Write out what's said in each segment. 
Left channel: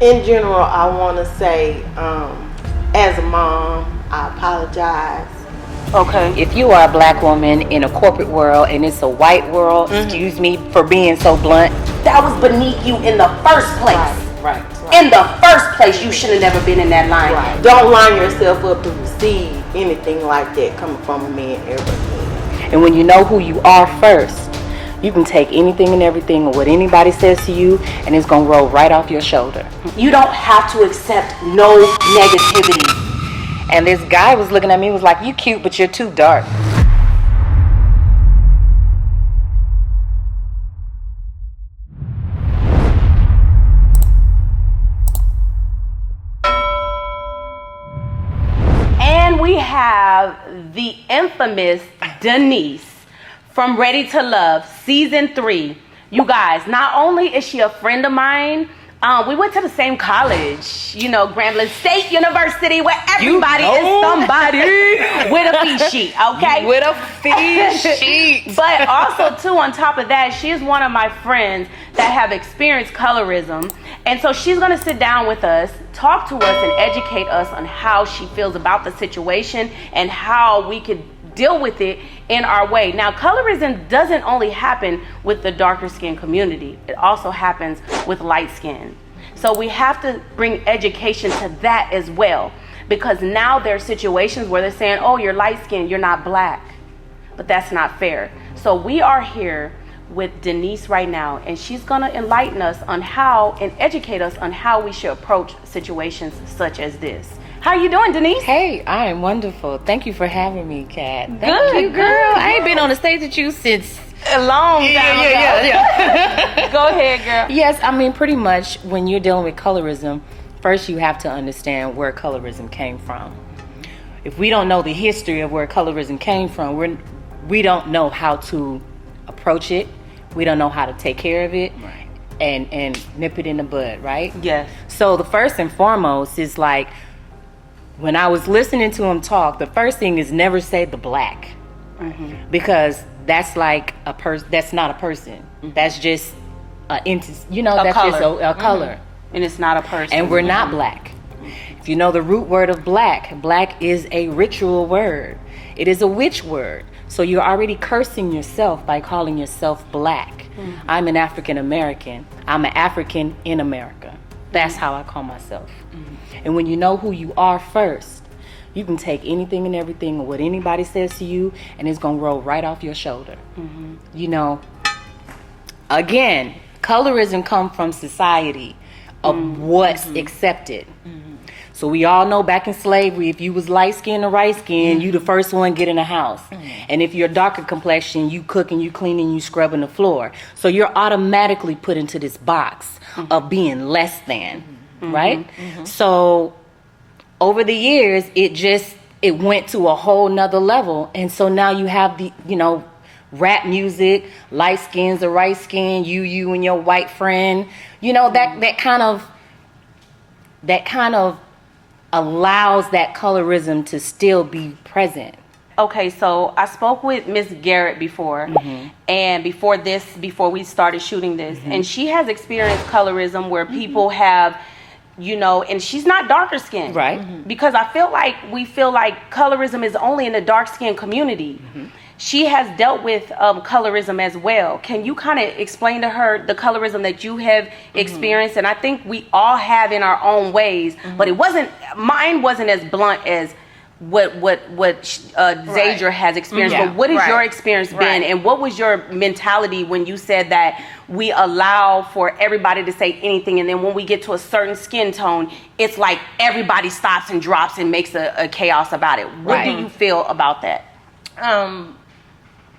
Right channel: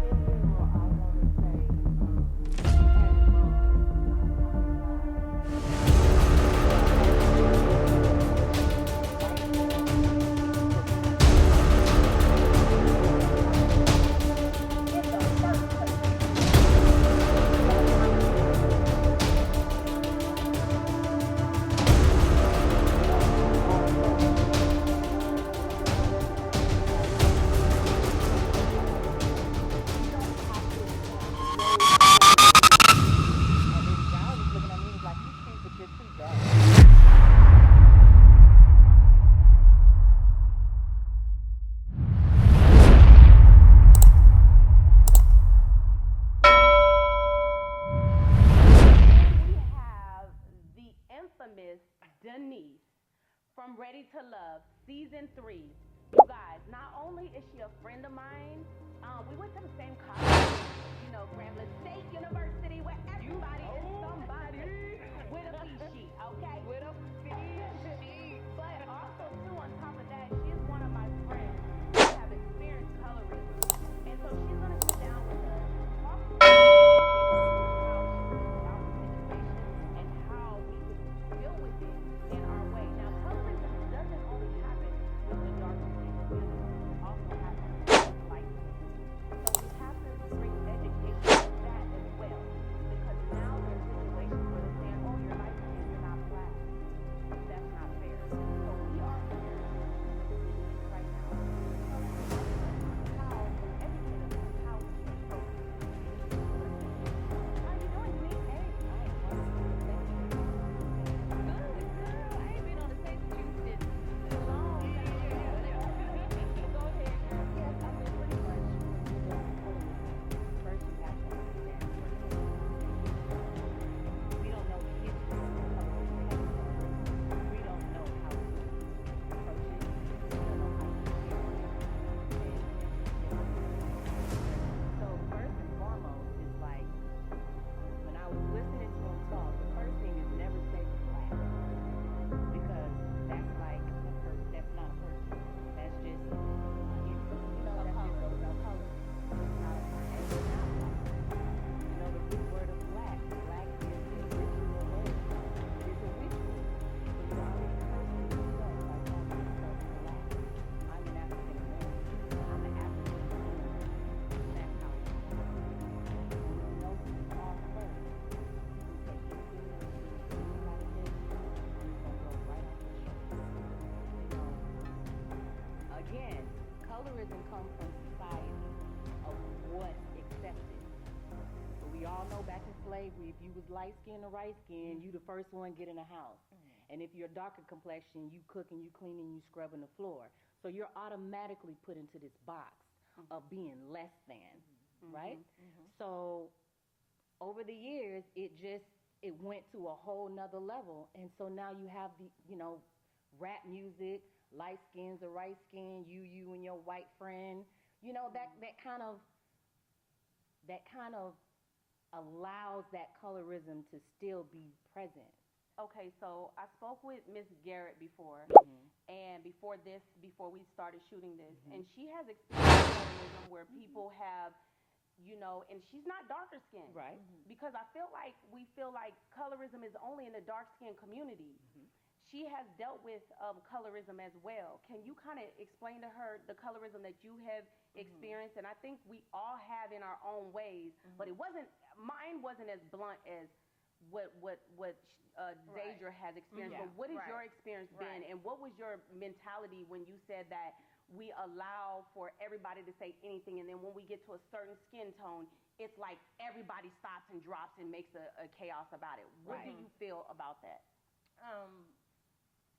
In general, I want to say, as a mom, I apologize. Okay. If you are a black woman in a corporate world and it's a white world, excuse me for being so blunt, that was beneath you in the first place. Right. In the first place, you should have never been in that line. Right. Don't line yourself up to receive anything like that coming from a man ever. And when you know who you are first, you can take anything and everything or what anybody says to you, and it's gonna roll right off your shoulder. You don't have to accept no negativity. And this guy was looking at me, was like, "You cute, but you're too dark." And we have the infamous Denice from Ready to Love, season 3. You guys, not only is she a friend of mine, we went to the same college, Grambling State University, where everybody is somebody with a fee sheet, okay? With a fee sheet. But also, too, on top of that, she is one of my friends that have experienced colorism. And so she's going to sit down with us, talk to us, and educate us on how she feels about the situation and how we could deal with it in our way. Now, colorism doesn't only happen with the darker skin community. It also happens with light skin. So we have to bring education to that as well, because now there are situations where they're saying, oh, you're light skinned, you're not black. But that's not fair. So we are here with Denice right now, and she's gonna enlighten us on how and educate us on how we should approach situations such as this. How you doing, Denice? Hey, I am wonderful. Thank you for having me, Kat. Thank Good, you, girl. I ain't been on the stage with you since A long time ago. Yeah. Go ahead, girl. Yes, I mean, pretty much when you're dealing with colorism, first you have to understand where colorism came from. If we don't know the history of where colorism came from, we don't know how to approach it. We don't know how to take care of it, right, and nip it in the bud, right? Yes. So the first and foremost is like, when I was listening to him talk, the first thing is never say the black, because that's like a person. That's not a person. That's just that's color. just a color, And it's not a person. and we're not black. If you know the root word of black is a ritual word. It is a witch word. So you're already cursing yourself by calling yourself black. I'm an African American. I'm an African in America. That's how I call myself. And when you know who you are first, you can take anything and everything or what anybody says to you, and it's gonna roll right off your shoulder. Again, colorism comes from society of what's accepted. So we all know back in slavery, if you was light skinned or right skinned, you the first one get in the house. And if you're darker complexion, you cooking, you cleaning, you scrubbing the floor. So you're automatically put into this box of being less than, right? So over the years, it went to a whole nother level. And so now you have the, rap music, light skins or right skin, you and your white friend, that kind of allows that colorism to still be present. Okay, so I spoke with Miss Garrett before, and before we started shooting this, and she has experienced colorism where people have, and she's not darker skinned, Right. Because we feel like colorism is only in the dark skinned community. She has dealt with colorism as well. Can you kind of explain to her the colorism that you have experienced? And I think we all have in our own ways, but mine wasn't as blunt as what ZAIDRA has experienced. But what has your experience been, and what was your mentality when you said that we allow for everybody to say anything, and then when we get to a certain skin tone, it's like everybody stops and drops and makes a chaos about it? What do you feel about that?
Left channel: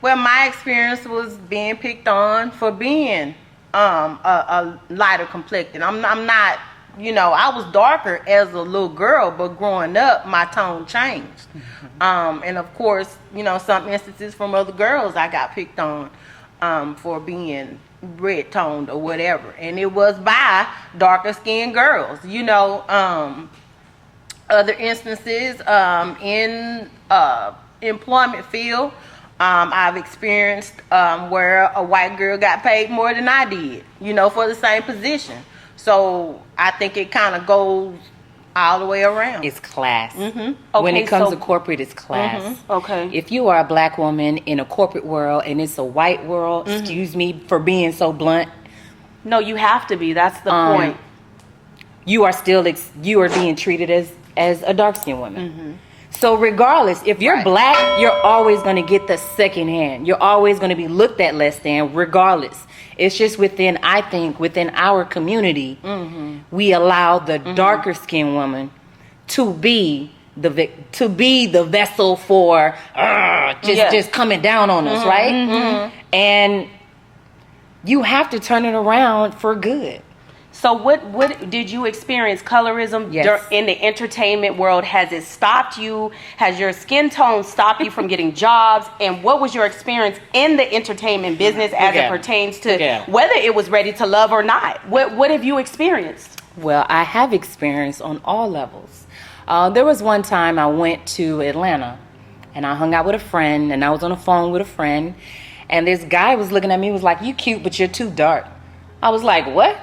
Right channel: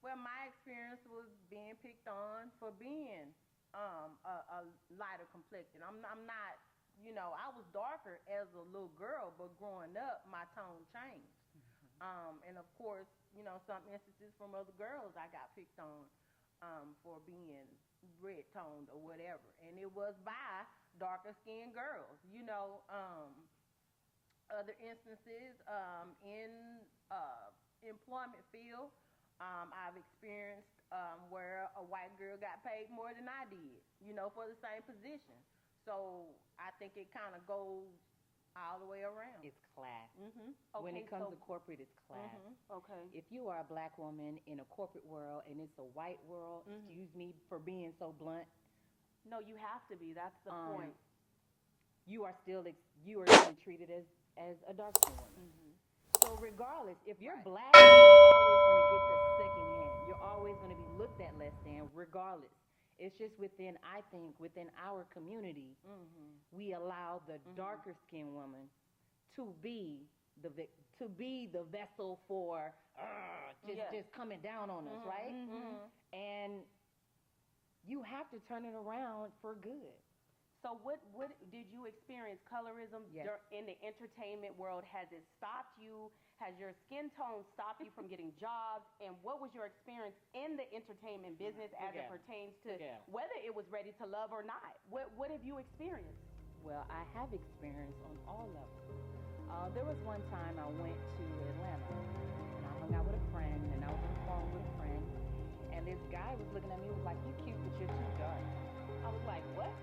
Well, my experience was being picked on for being a lighter complected. I'm not, I was darker as a little girl, but growing up, my tone changed. And of course, some instances from other girls I got picked on for being red toned or whatever. And it was by darker skinned girls, other instances in employment field. I've experienced where a white girl got paid more than I did, for the same position. So I think it kind of goes all the way around. It's class. Okay, When it comes so- to corporate, it's class. Okay. If you are a black woman in a corporate world and it's a white world, excuse me for being so blunt, No, you have to be. That's the point. you are still you are being treated as a dark skinned woman. So regardless, if you're black, you're always going to get the second hand. You're always going to be looked at less than, regardless. It's just within, I think, within our community, we allow the darker skinned woman to be the vessel for just coming down on us, right? And you have to turn it around for good. So what did you experience colorism Yes. in the entertainment world? Has it stopped you? Has your skin tone stopped you from getting jobs? And what was your experience in the entertainment business as it pertains to whether it was Ready to Love or not? What have you experienced? Well, I have experience on all levels. There was one time I went to Atlanta and I hung out with a friend and I was on the phone with a friend and this guy was looking at me, was like, "You cute, but you're too dark." I was like, "What?"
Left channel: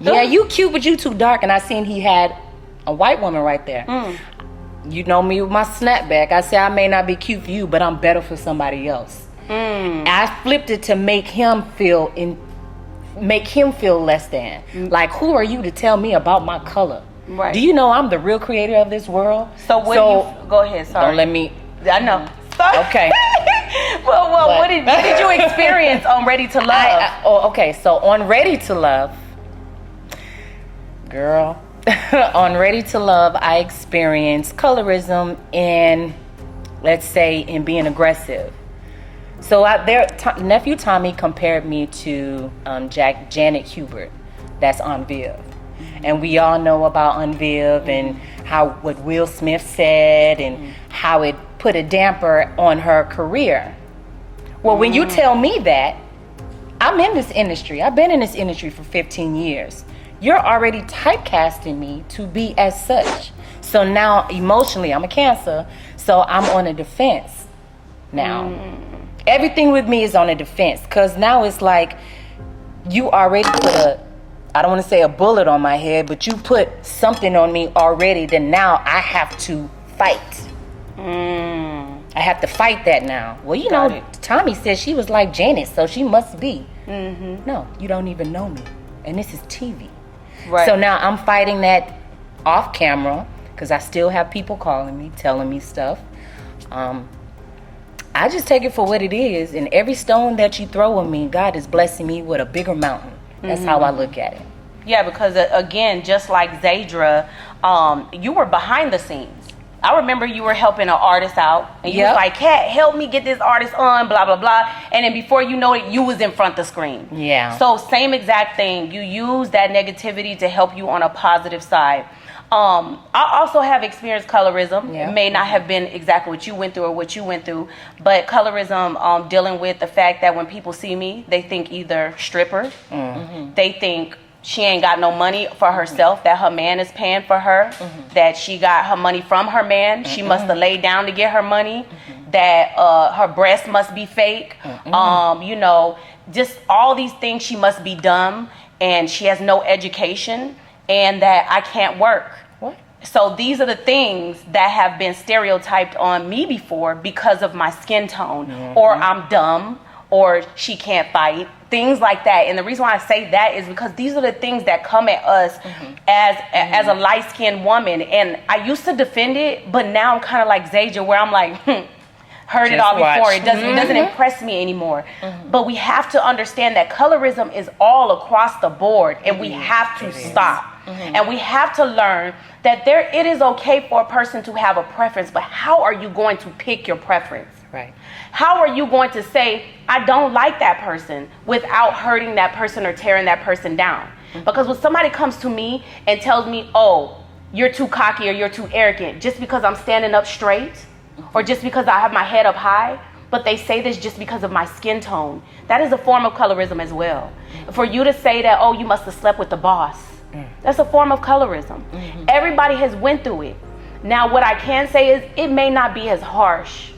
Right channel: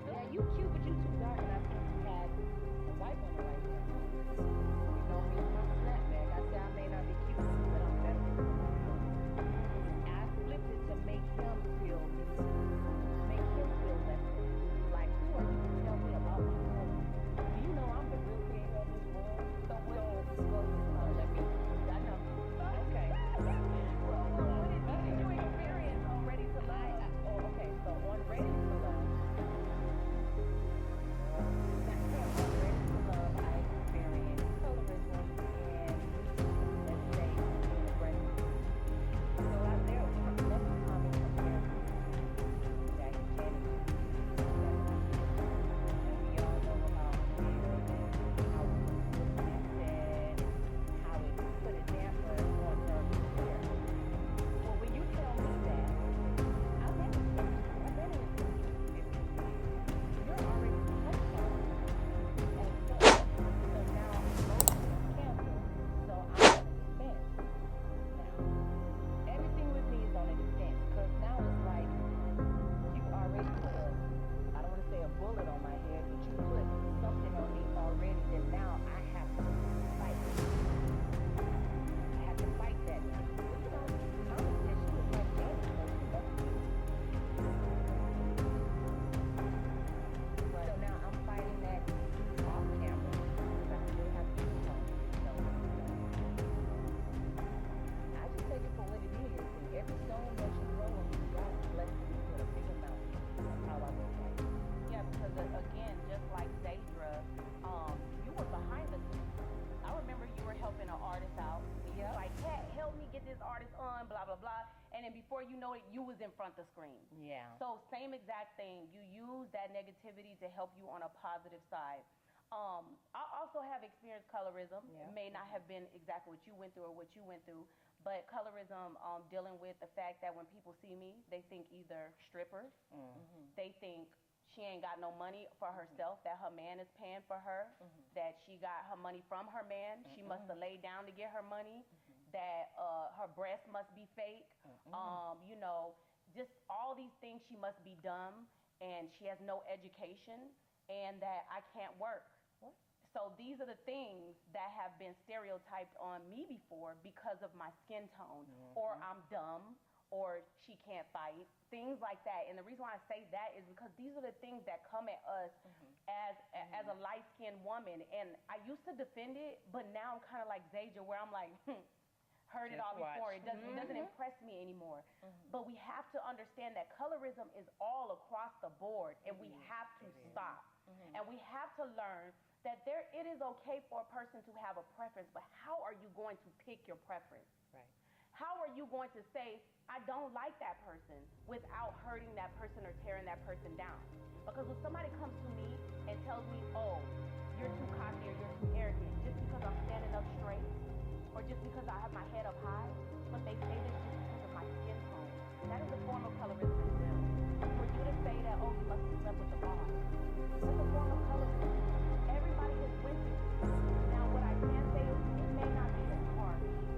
"Yeah, you cute, but you too dark." And I seen he had a white woman right there. You know me with my snapback. I said, "I may not be cute for you, but I'm better for somebody else." I flipped it to make him feel less than. Like, who are you to tell me about my color? Right. Do you know I'm the real creator of this world? So go ahead, sorry. Don't let me. I know. Sorry. Okay. well, what did you experience on Ready to Love? Okay. So on Ready to Love, girl, on Ready to Love, I experienced colorism in, let's say, in being aggressive. So nephew Tommy compared me to Janet Hubert. That's on Viv. And we all know about On Viv and what Will Smith said and how it put a damper on her career. Well, when you tell me that, I'm in this industry. I've been in this industry for 15 years. You're already typecasting me to be as such. So now emotionally, I'm a Cancer, so I'm on a defense now. Everything with me is on a defense because now it's like you already put I don't want to say a bullet on my head, but you put something on me already, then now I have to fight. I have to fight that now. Well, you know, Tommy said she was like Janet, so she must be. No, you don't even know me. And this is TV. Right. So now I'm fighting that off camera because I still have people calling me, telling me stuff. I just take it for what it is, and every stone that you throw at me, God is blessing me with a bigger mountain. That's how I look at it. Yeah, because again, just like ZAIDRA, you were behind the scenes. I remember you were helping an artist out, and you was like, "Kat, help me get this artist on, blah, blah, blah." And then before you know it, you was in front of the screen. Yeah. So same exact thing. You use that negativity to help you on a positive side. I also have experienced colorism. Yeah. It may not have been exactly what you went through or what you went through, but colorism, dealing with the fact that when people see me, they think either stripper, they think she ain't got no money for herself, that her man is paying for her, that she got her money from her man, she must have laid down to get her money, that her breast must be fake, you know, just all these things. She must be dumb and she has no education and that I can't work. What? So these are the things that have been stereotyped on me before because of my skin tone, or I'm dumb, or she can't fight, things like that. And the reason why I say that is because these are the things that come at us as a light-skinned woman. And I used to defend it, but now I'm kind of like ZAIDRA, where I'm like, heard it all before. It doesn't impress me anymore. But we have to understand that colorism is all across the board, and we have to stop. And we have to learn that it is okay for a person to have a preference, but how are you going to pick your preference? Right. How are you going to say, I don't like that person, without hurting that person or tearing that person down? Because when somebody comes to me and tells me, oh, you're too cocky or you're too arrogant, just because I'm standing up straight, or just because I have my head up high, but they say this just because of my skin tone, that is a form of colorism as well. For you to say that, oh, you must have slept with the boss, that's a form of colorism. Everybody has went through it. Now, what I can say is it may not be as harsh,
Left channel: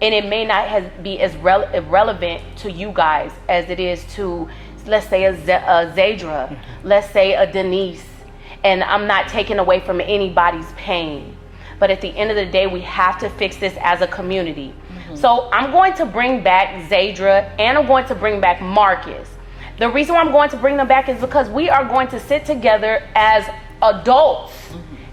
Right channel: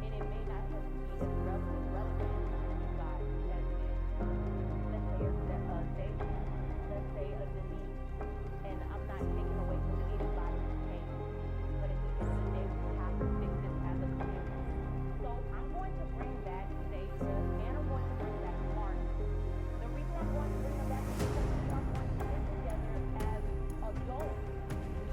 and it may not be as irrelevant to you guys as it is to let's say a ZAIDRA, let's say a Denice, and I'm not taking away from anybody's pain. But at the end of the day, we have to fix this as a community. So I'm going to bring back ZAIDRA and I'm going to bring back Marcus. The reason why I'm going to bring them back is because we are going to sit together as adults,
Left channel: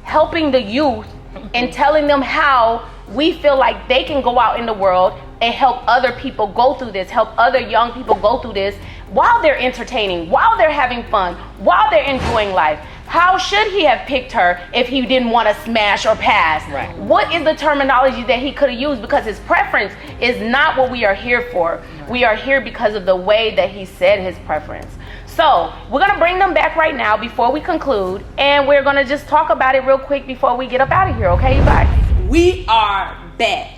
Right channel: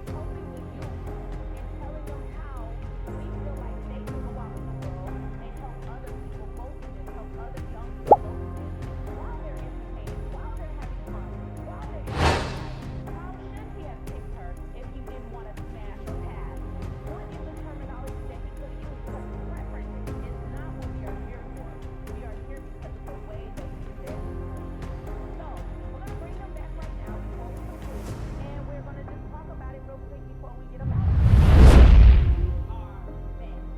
helping the youth and telling them how we feel like they can go out in the world and help other people go through this, help other young people go through this while they're entertaining, while they're having fun, while they're enjoying life. How should he have picked her if he didn't want to smash or pass? Right. What is the terminology that he could have used? Because his preference is not what we are here for. We are here because of the way that he said his preference. So we're going to bring them back right now before we conclude, and we're going to just talk about it real quick before we get up out of here, okay, you guys? We are back.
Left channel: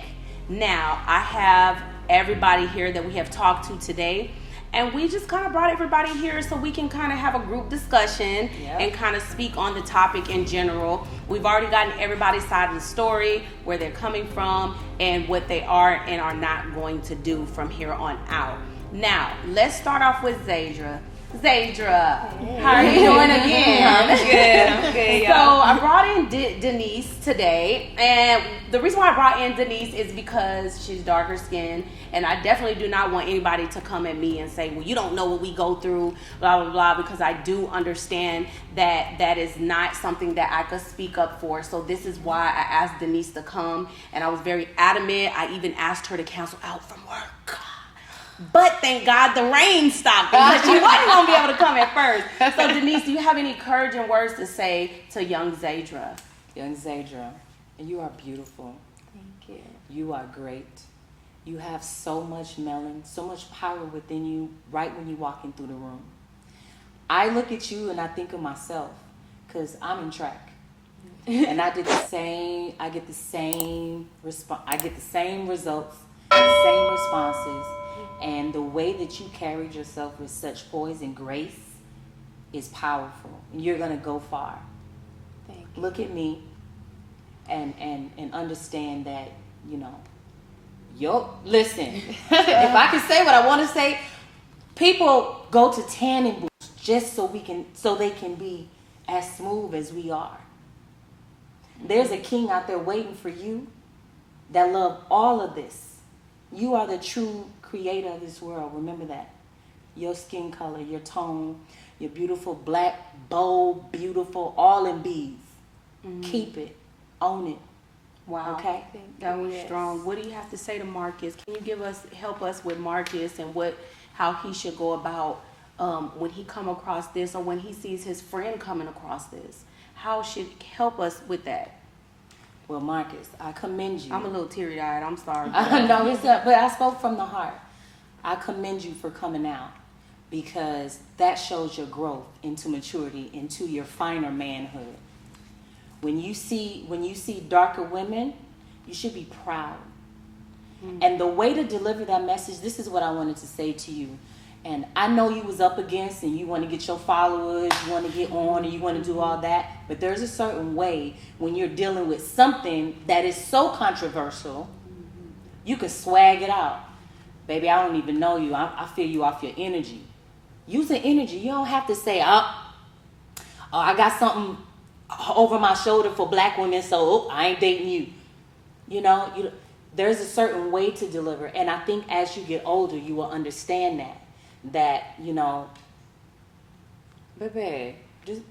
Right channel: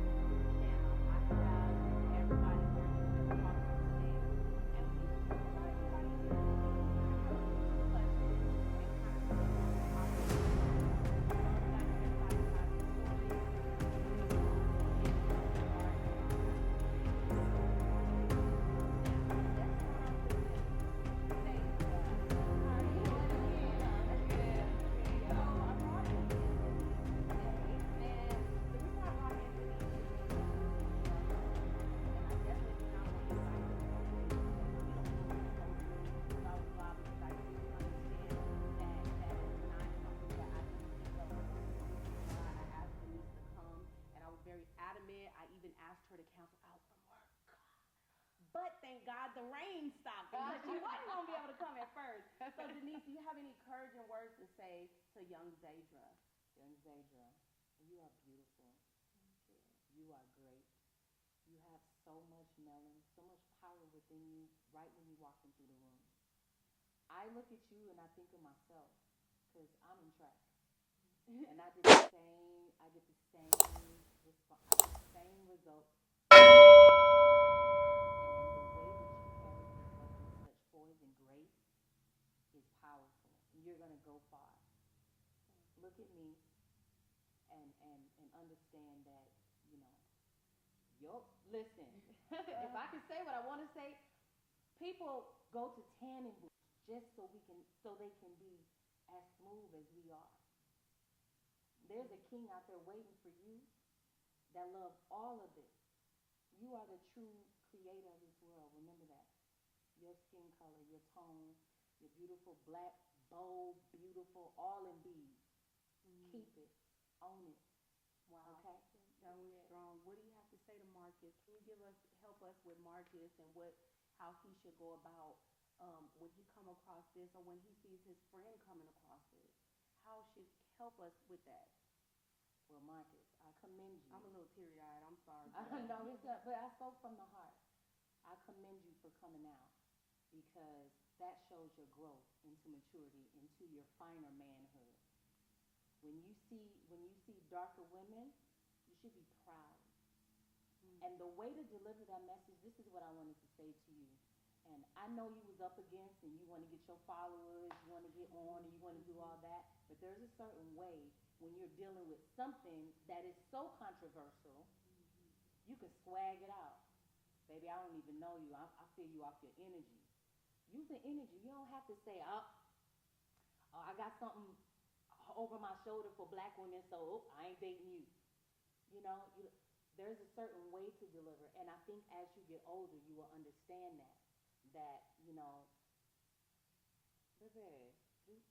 Now, I have everybody here that we have talked to today, and we just kind of brought everybody here so we can kind of have a group discussion and kind of speak on the topic in general. We've already gotten everybody's side of the story, where they're coming from, and what they are and are not going to do from here on out. Now, let's start off with ZAIDRA. ZAIDRA, how are you doing again? I'm good. So I brought in Denice today, and the reason why I brought in Denice is because she's darker skinned, and I definitely do not want anybody to come at me and say, well, you don't know what we go through, blah, blah, blah, because I do understand that that is not something that I could speak up for. So this is why I asked Denice to come, and I was very adamant. I even asked her to cancel out from work. But thank God the rain stopped because she wasn't going to be able to come at first. So Denice, do you have any encouraging words to say to young ZAIDRA? Young ZAIDRA, you are beautiful. Thank you. You are great. You have so much melanin, so much power within you right when you walk in through the room. I look at you and I think of myself because I'm in track. And I get the same results, the same responses. And the way that you carried yourself with such poise and grace is powerful. And you're going to go far. Thank you. Look at me and understand that, listen, if I can say what I want to say, people go to tanning booths just so they can be as smooth as we are. There's a king out there waiting for you that love all of this. You are the true creator of this world. Remember that. Your skin color, your tone, your beautiful black, bold, beautiful, all in beads. Keep it. Own it. Wow. Okay? That was strong. What do you have to say to Marcus? Can you help us with Marcus and how he should go about when he come across this, or when he sees his friend coming across this? How should help us with that? Well, Marcus, I commend you. I'm a little teary-eyed. I'm sorry. No, but I spoke from the heart. I commend you for coming out, because that shows your growth into maturity, into your finer manhood. When you see darker women, you should be proud. And the way to deliver that message, this is what I wanted to say to you. And I know you was up against, and you want to get your followers, you want to get on, and you want to do all that. But there's a certain way when you're dealing with something that is so controversial, you can swag it out. Baby, I don't even know you. I feel you off your energy. Use the energy. You don't have to say, I got something over my shoulder for black women, so I ain't dating you. There's a certain way to deliver. And I think as you get older, you will understand that, baby, just...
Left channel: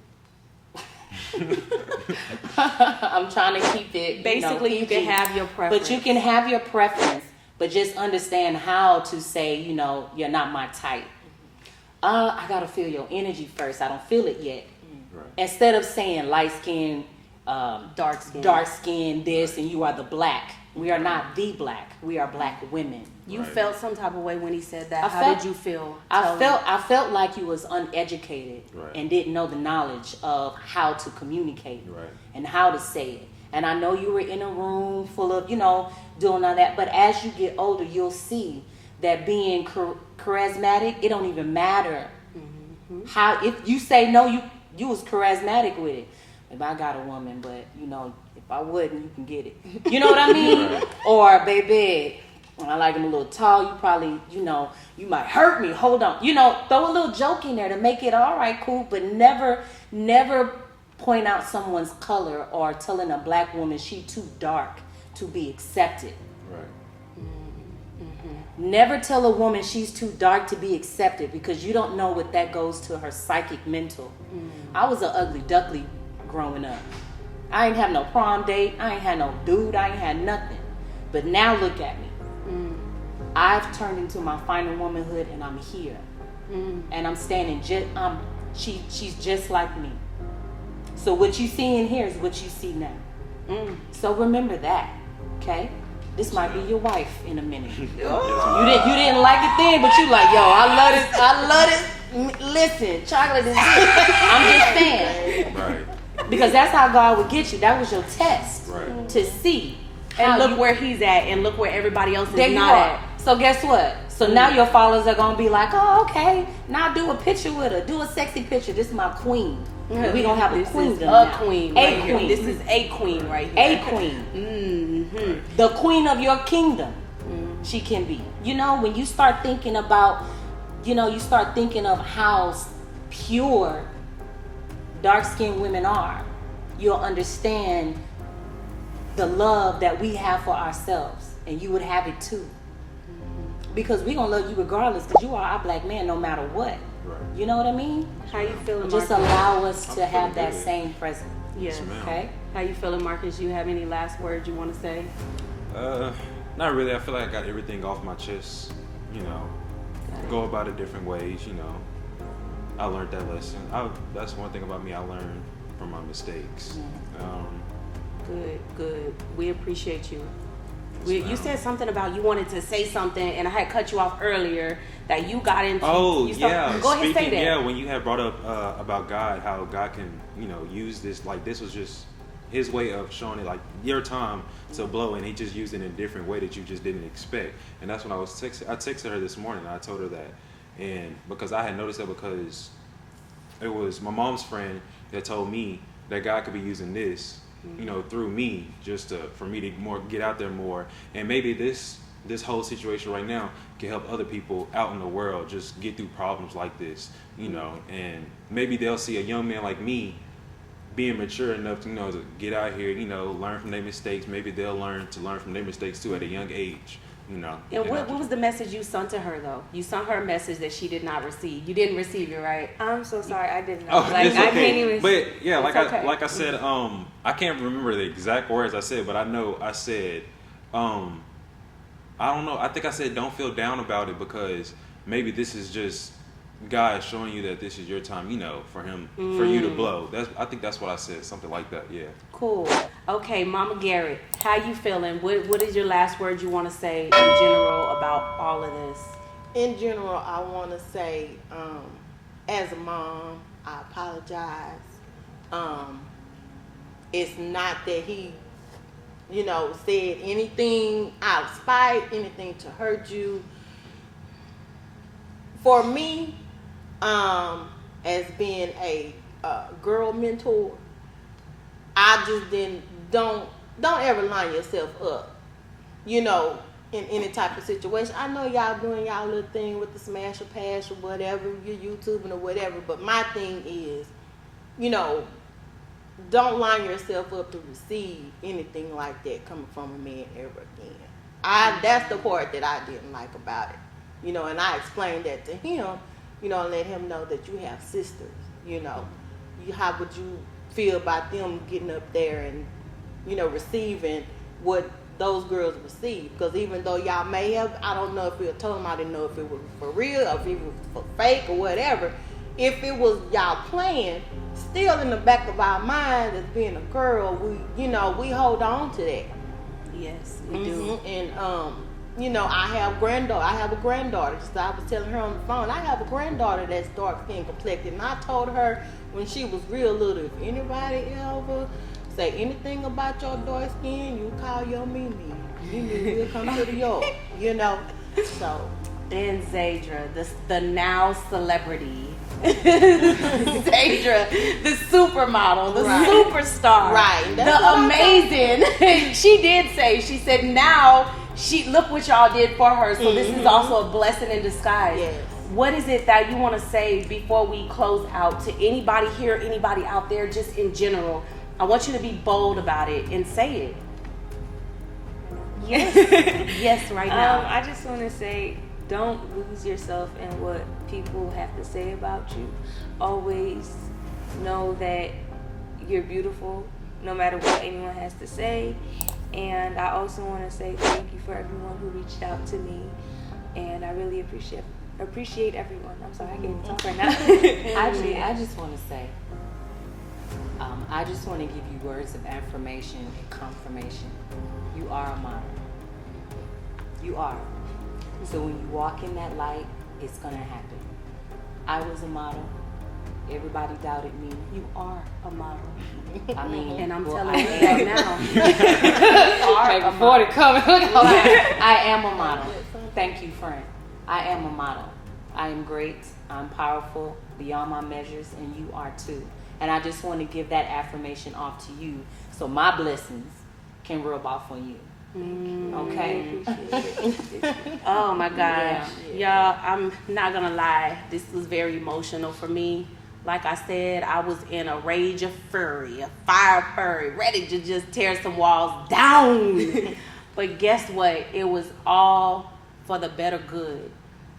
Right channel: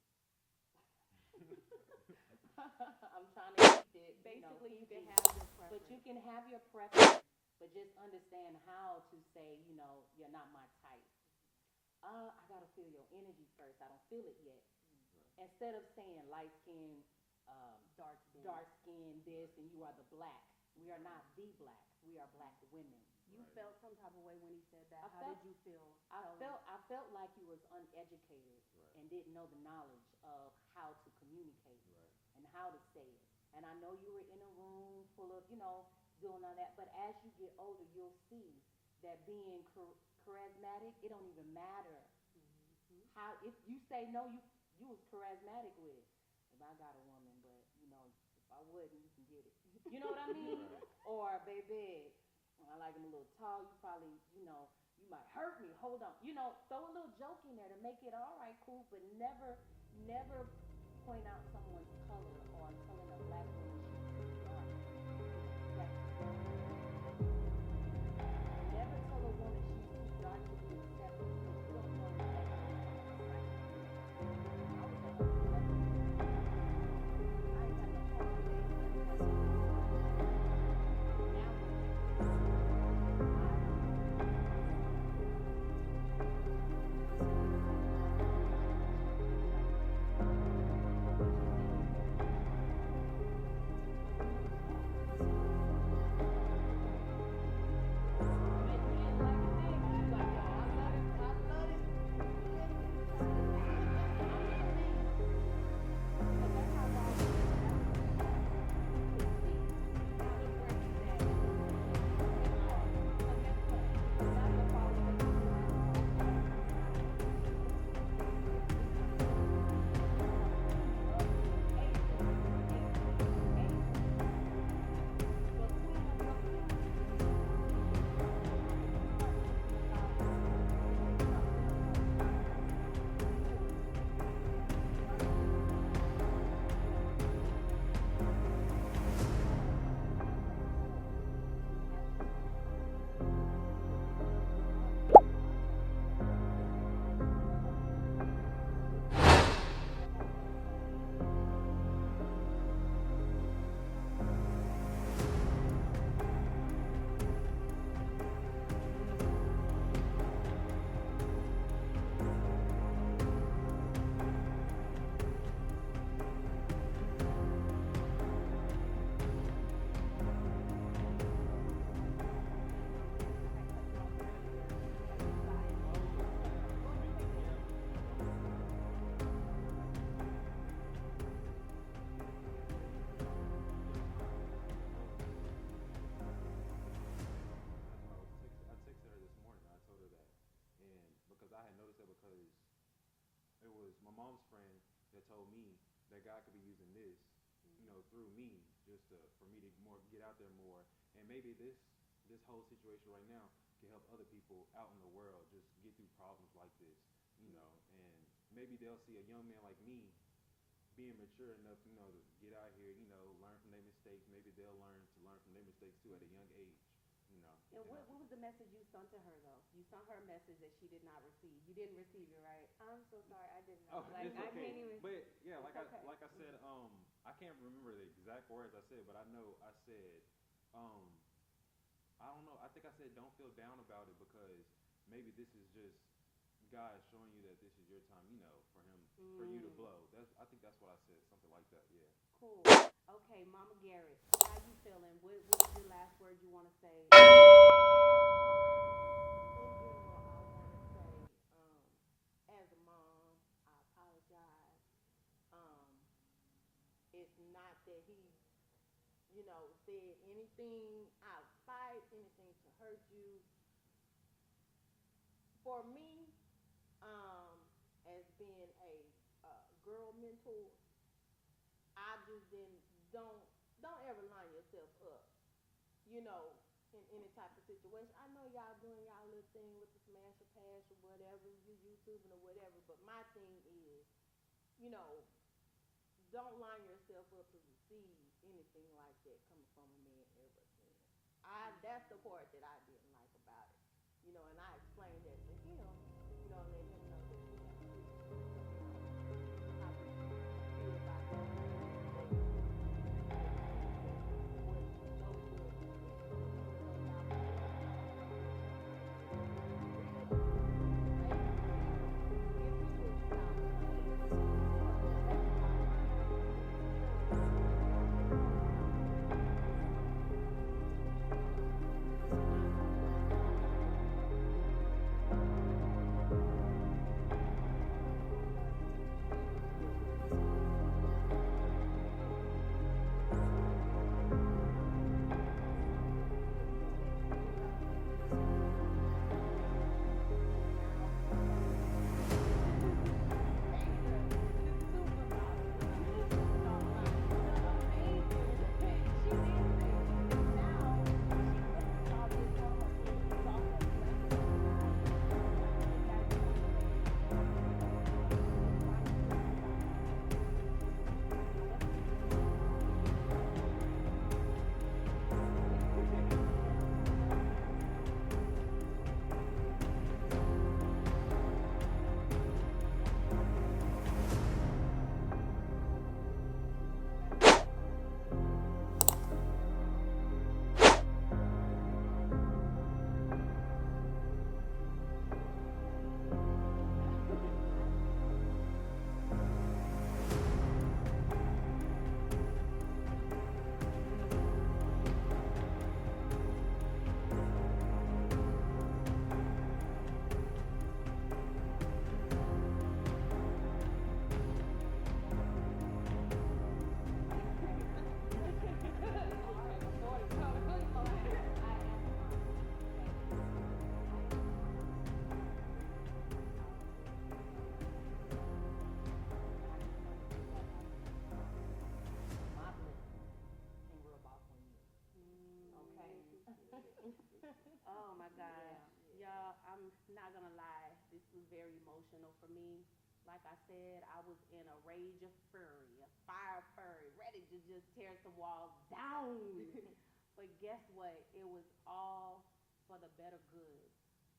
I'm trying to keep it. Basically, you can have your preference. But you can have your preference, but just understand how to say, you're not my type. I gotta feel your energy first. I don't feel it yet. Right. Instead of saying light skin, dark skin, this, and you are the black. We are not the black. We are black women. You felt some type of way when he said that. How did you feel? I felt like you was uneducated and didn't know the knowledge of how to communicate and how to say it. And I know you were in a room full of, doing all that. But as you get older, you'll see that being charismatic, it don't even matter. How, if you say no, you was charismatic with it. If I got a woman, but if I wouldn't, you can get it. You know what I mean? Or baby, When I like them a little tall, you probably, you might hurt me. Hold on. Throw a little joke in there to make it all right, cool, but never point out someone's color or telling a black woman she too dark to be accepted. Never tell a woman she's too dark to be accepted, because you don't know what that goes to her psychic mental. I was an ugly duckling growing up. I ain't have no prom date. I ain't had no dude. I ain't had nothing. But now look at me. I've turned into my final womanhood, and I'm here. And I'm standing she's just like me. So what you see in here is what you see now. So remember that, okay? This might be your wife in a minute. You didn't like it then, but you like, yo, I love this. Listen, chocolate is good. I'm just saying. Right. Because that's how God would get you. That was your test to see. And look where he's at, and look where everybody else there is you not are. at. So guess what? So now your followers are gonna be like, oh, okay. Now do a picture with her. Do a sexy picture. This is my queen. We gonna have a queen. Queen. A queen. This is a queen right here. A queen. The queen of your kingdom. She can be. When you start thinking about, you start thinking of how pure dark-skinned women are, you'll understand the love that we have for ourselves, and you would have it too. Because we gonna love you regardless, because you are our black man no matter what. You know what I mean? How you feeling, Just Marcus? allow us to have that same presence. Yes. Okay? How you feeling, Marcus? You have any last words you want to say? Not really. I feel like I got everything off my chest. Go about it different ways. I learned that lesson. That's one thing about me. I learned from my mistakes. Good. We appreciate you. You said something about you wanted to say something, and I had cut you off earlier that you got into. Oh, yeah. Go ahead, say that. Yeah, when you had brought up about God, how God can, use this. Like, this was just his way of showing it, like, your time to blow, and he just used it in a different way that you just didn't expect. And that's when I texted her this morning, and I told her that. And because I had noticed that, because it was my mom's friend that told me that God could be using this, through me, just for me to get out there more. And maybe this whole situation right now can help other people out in the world just get through problems like this, and maybe they'll see a young man like me being mature enough to, to get out here, learn from their mistakes. Maybe they'll learn from their mistakes too at a young age, And what was the message you sent to her, though? You sent her a message that she did not receive. You didn't receive it, right? I'm so sorry, I didn't know. Oh, Like, it's I okay. can't even. But yeah, okay. like I said, I can't remember the exact words I said, but I know I said, I don't know. I think I said, don't feel down about it, because maybe this is just God showing you that this is your time, for him, for you to blow. I think that's what I said, something like that. Yeah. Cool. Okay, Mama Garrett, how you feeling? What is your last word you want to say in general about all of this? In general, I want to say, as a mom, I apologize. It's not that he, said anything out of spite, anything to hurt you. For me, as being a girl mentor, I just don't ever line yourself up, in any type of situation. I know y'all doing y'all little thing with the smash or pass or whatever, you're YouTubing or whatever, but my thing is, don't line yourself up to receive anything like that coming from a man ever again. That's the part that I didn't like about it, and I explained that to him, and let him know that you have sisters, how would you feel about them getting up there and, receiving what those girls receive? Because even though y'all may have, I don't know if it told them, I didn't know if it was for real or if it was for fake or whatever. If it was y'all playing, still in the back of our mind as being a girl, we hold on to that. Yes, we do. And I have a granddaughter. So I was telling her on the phone, I have a granddaughter that's dark skin complected, and I told her when she was real little, if anybody ever say anything about your dark skin, you call your Mimi. Mimi will come to the yard, So. And ZAIDRA, the now celebrity. ZAIDRA, the supermodel, the superstar, right? the amazing. She said now look what y'all did for her. So this is also a blessing in disguise. Yes. What is it that you want to say before we close out to anybody here, anybody out there, just in general? I want you to be bold about it and say it. Yes. Yes, right now. I just want to say, don't lose yourself in what people have to say about you. Always know that you're beautiful, no matter what anyone has to say. And I also want to say thank you for everyone who reached out to me. And I really appreciate everyone. I'm sorry, I can't talk right now. I just want to say, I just want to give you words of affirmation and confirmation. You are a model. You are. So when you walk in that light, it's going to happen. I was a model. Everybody doubted me. You are a model. I mean, And I'm well, telling I you am. that now. I am a model. Thank you, friend. I am a model. I am great. I'm powerful beyond my measures, and you are too. And I just want to give that affirmation off to you, so my blessings can rub off on you. Okay. Oh my gosh. Y'all, I'm not gonna lie. This was very emotional for me. Like I said, I was in a rage of fury, a fire fury, ready to just tear some walls down. But guess what? It was all for the better good.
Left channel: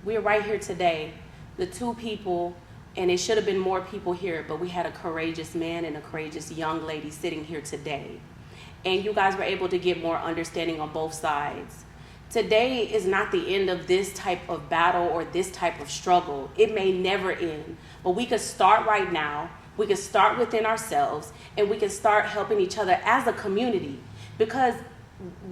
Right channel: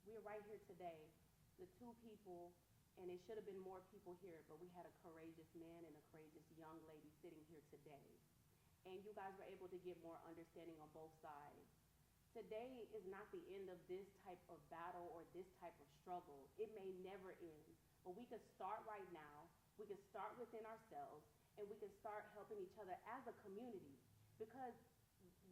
We're right here today. The two people, and it should have been more people here, but we had a courageous man and a courageous young lady sitting here today. And you guys were able to get more understanding on both sides. Today is not the end of this type of battle or this type of struggle. It may never end, but we could start right now. We could start within ourselves, and we can start helping each other as a community. Because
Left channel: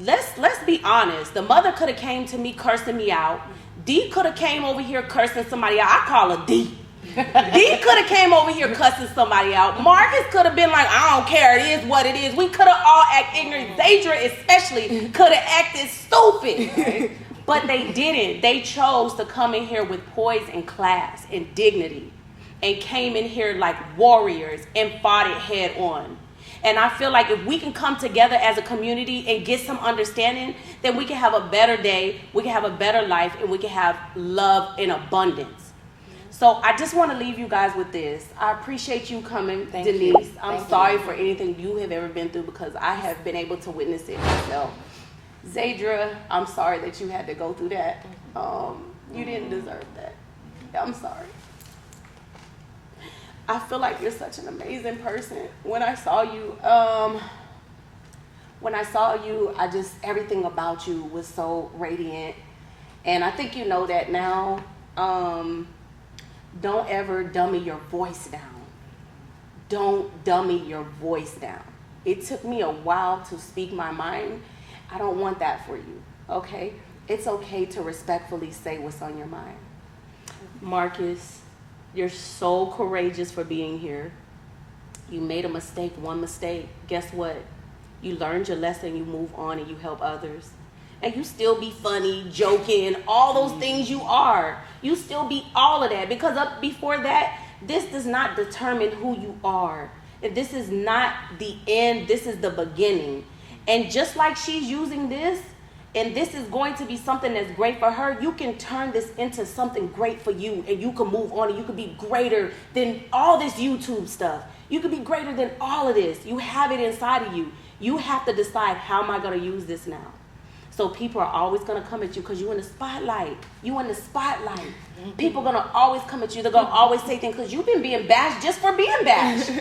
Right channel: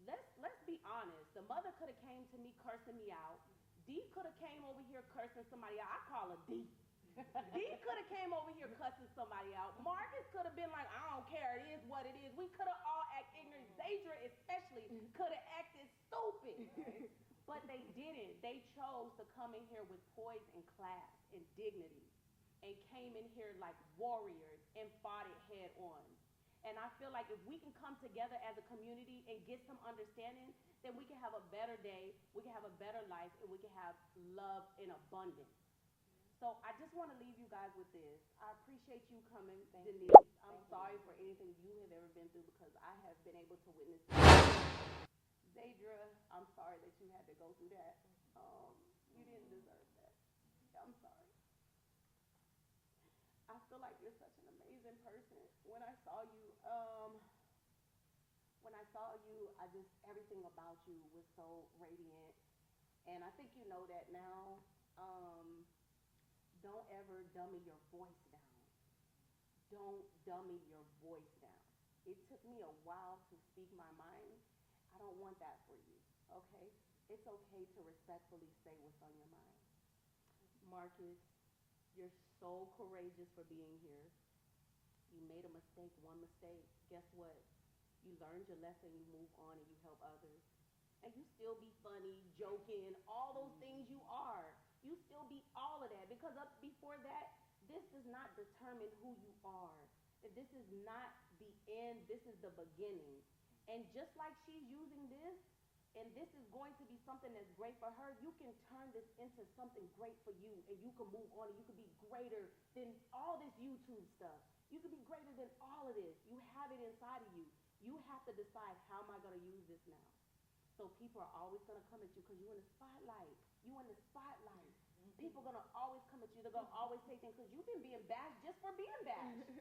let's be honest, the mother could have came to me cursing me out. D could have came over here cursing somebody out. I call her D. D could have came over here cussing somebody out. Marcus could have been like, I don't care, it is what it is. We could have all acted ignorant. ZAIDRA especially could have acted stupid. Right? But they didn't. They chose to come in here with poise and class and dignity, and came in here like warriors and fought it head on. And I feel like if we can come together as a community and get some understanding, then we can have a better day, we can have a better life, and we can have love in abundance. So I just want to leave you guys with this. I appreciate you coming, Thank Denice. you. I'm sorry for anything you have ever been through, because I have been able to witness it myself. ZAIDRA, I'm sorry that you had to go through that. You didn't deserve that. I'm sorry. I feel like you're such an amazing person. When I saw you, everything about you was so radiant. And I think you know that now. Don't ever dummy your voice down. Don't dummy your voice down. It took me a while to speak my mind. I don't want that for you, okay? It's okay to respectfully say what's on your mind. Marcus, you're so courageous for being here. You made a mistake, one mistake. Guess what? You learned your lesson, you move on, and you help others. And you still be funny, joking, all those things you are. You still be all of that, because up before that, this does not determine who you are. And this is not the end, this is the beginning. And just like she's using this, and this is going to be something that's great for her, you can turn this into something great for you, and you can move on, and you can be greater than all this YouTube stuff. You can be greater than all of this. You have it inside of you. You have to decide, how am I going to use this now? So people are always going to come at you because you're in the spotlight. You in the spotlight. People are going to always come at you. They're going to always say things because you've been being bashed just for being bashed.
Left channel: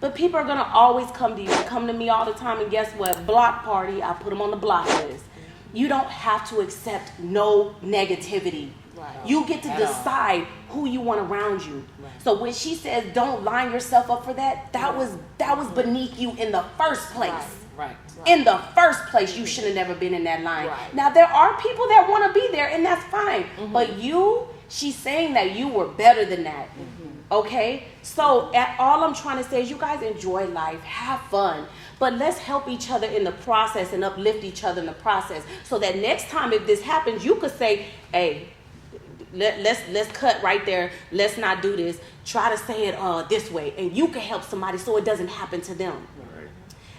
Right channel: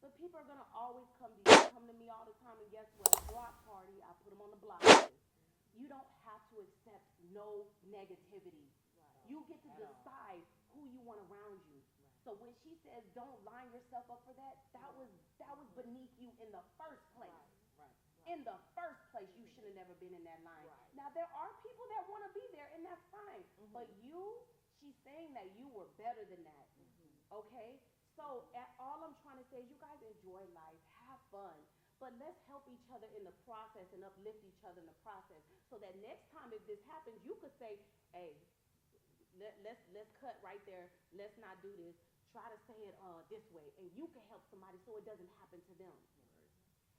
But people are going to always come to you. They come to me all the time, and guess what? Block party, I put them on the block list. You don't have to accept no negativity. Right. You get to decide who you want around you. Right. So when she says don't line yourself up for that, that was beneath you in the first place. Right. In the first place, you should have never been in that line. Right. Now, there are people that want to be there, and that's fine. Mm-hmm. But she's saying that you were better than that. Mm-hmm. Okay? So all I'm trying to say is you guys enjoy life, have fun, but let's help each other in the process and uplift each other in the process, so that next time if this happens, you could say, hey, let's cut right there. Let's not do this. Try to say it this way, and you can help somebody so it doesn't happen to them.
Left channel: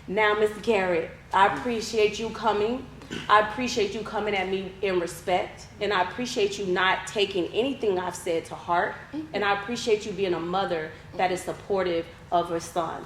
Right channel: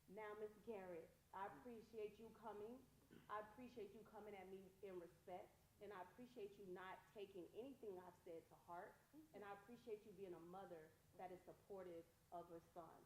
Now, Miss Garrett, I appreciate you coming. I appreciate you coming at me in respect, and I appreciate you not taking anything I've said to heart, and I appreciate you being a mother that is supportive of her son.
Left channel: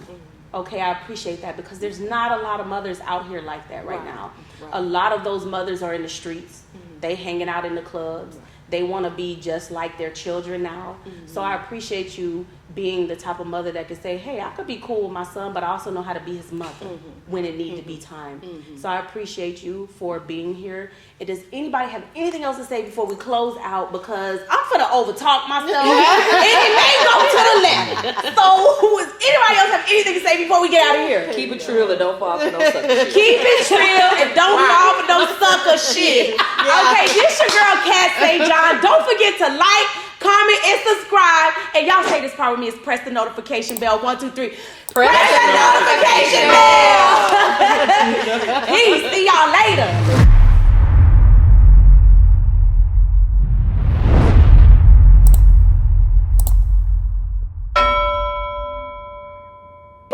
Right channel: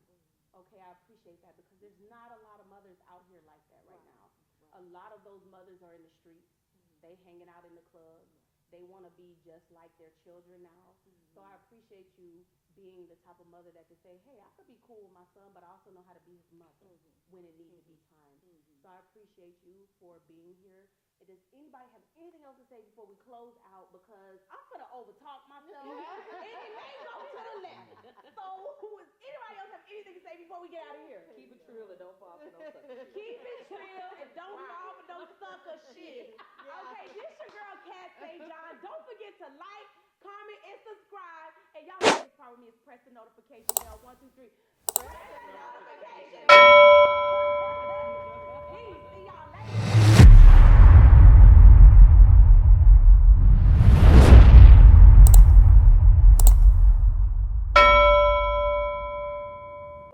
Okay, I appreciate that because there's not a lot of mothers out here like that right now. A lot of those mothers are in the streets. They hanging out in the clubs. They want to be just like their children now. So I appreciate you being the type of mother that can say, hey, I could be cool with my son, but I also know how to be his mother when it need to be time. So I appreciate you for being here. And does anybody have anything else to say before we close out? Because I'm finna overtalk myself and it may go to the left. So does anybody else have anything to say before we get out of here? Keep it trill and don't fall for no sucker shit. Keep it trill and don't fall for no sucker shit. Okay, this your girl Cat Say John. Don't forget to like, comment, and subscribe. And y'all say this part with me is press the notification bell. 1, 2, 3. Press the notification bell. Peace. See y'all later.